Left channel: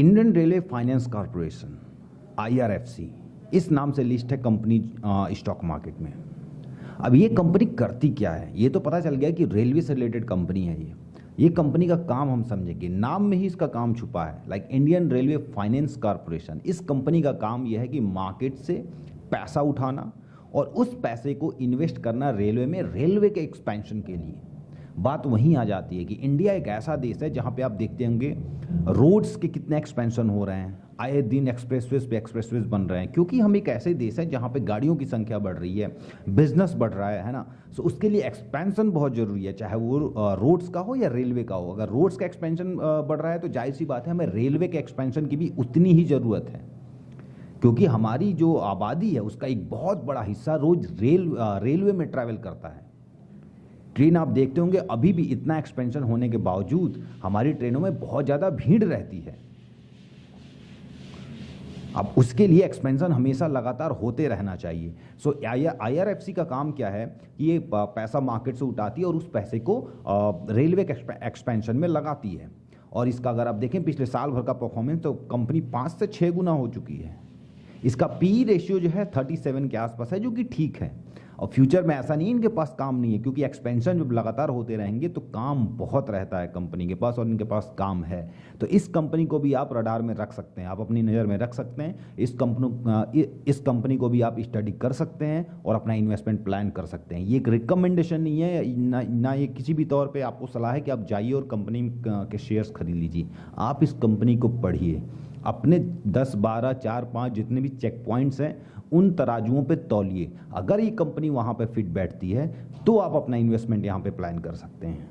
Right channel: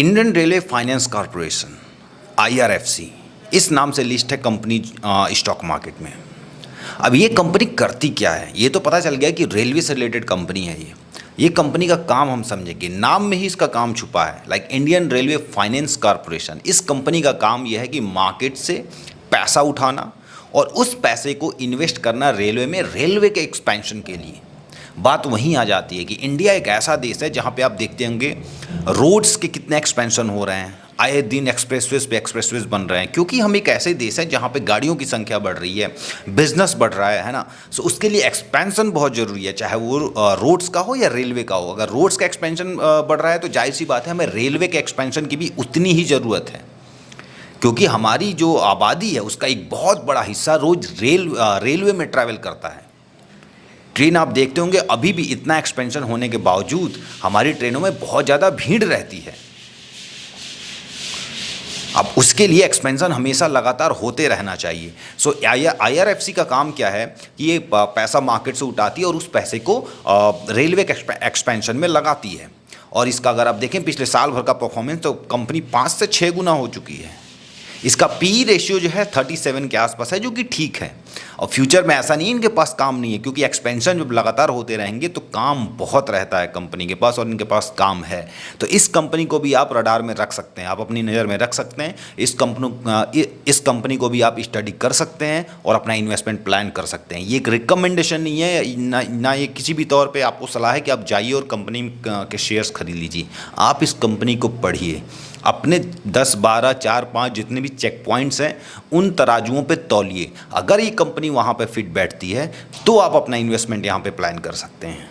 Indian railway finance corporation IRFC इस नाम से लिस्ट है कंपनी स्टॉक मार्केट में। अब ये कंपनी करती क्या है ये तो पता चल गया कि रेलवे से रिलेटेड कंपनी है ये कंपनी का काम हम समझेंगे, नाम में ही इसका काम छुपा है। Like Indian railway finance corporation, इस कंपनी का काम यह है कि मार्केट से पैसा उठाना और उस पैसे को इन्वेस्ट करना रेलवे में, रेलवे के एक्सपेंशन के लिए। बात वहीं आ जाती है कि इंडिया एक ऐसा देश है जहाँ पे आप देखते होंगे रोड्स के कितने एक्सपेंशन हो रहे हैं, आए दिन एक्सप्रेसवेज पे एक्सप्रेसवेज बन रहे हैं, क्योंकि हम एक ऐसे देश है जहाँ पे गाड़ियों की संख्या बढ़ रही है, बिजनेस बढ़ रहा है ना। सो उसके लिए एक्सपेंशन बहुत ज़रूरी है, चाहे वो रोड्स का हो या रेलवे का हो। अगर रोड्स का एक्सपेंशन बढ़ रहा है तो जाहिर सी बात है हमें रेलवे के एक्सपेंशन की भी उतनी ही ज़रूरत है, क्योंकि हमारी जो आबादी है उसका एक बहुत बड़ा हिस्सा रोज रेलवे में ट्रैवल करता है। ट्रेन आप देखते होंगे अभी भी इतना एक्सपेंशन होने के बावजूद हमारी ट्रेनों में बहुत ज़्यादा भीड़ रहती है। अब उसके लिए एक्सपेंशन हमेशा लगातार होते रहना चाहिए। सो आईआरएफसी का काम क्या है कि ये पैसा मार्केट से उठाती है और उस पैसे को रेलवे के एक्सपेंशन में लगाती है। और इसका अगर आप देखें पिछले साल भर का परफॉर्मेंस तो कंपनी 5 से 6 गुना हो चुकी है। इसका पी रेशियो जो है 37 के आसपास है, जो कि ठीक है। और फ्यूचर में ऐसा नहीं है इनके पास काम नहीं है, क्योंकि एक्सपेंशन जब लगातार होते रहेंगे तो काम बहुत रहता है कंपनी के पास, और इनके पास काम है। तो इस कंपनी को भी आप रडार में रख सकते हैं, आप अपनी नज़र में रख सकते हैं। इस कंपनी को भी आप स्टडी कर सकते हैं और अपना इन्वेस्टमेंट प्लान कर सकते हैं। ये एक रिकमेंडेशन नहीं है ना ये किसी भी तौर पर आपको सलाह है कि आप जाइए और कंपनी के शेयर्स खरीद लीजिए। आप इस कंपनी को पढ़िए, अपने 10, 12, 4, 5 जितने भी चेक पॉइंट्स हैं उन तराजुओं पे तौलिए। अगर ये कंपनी वहाँ पे फिट बैठती है तो आप अपना इन्वेस्टमेंट यहाँ पे प्लान कर सकते हैं।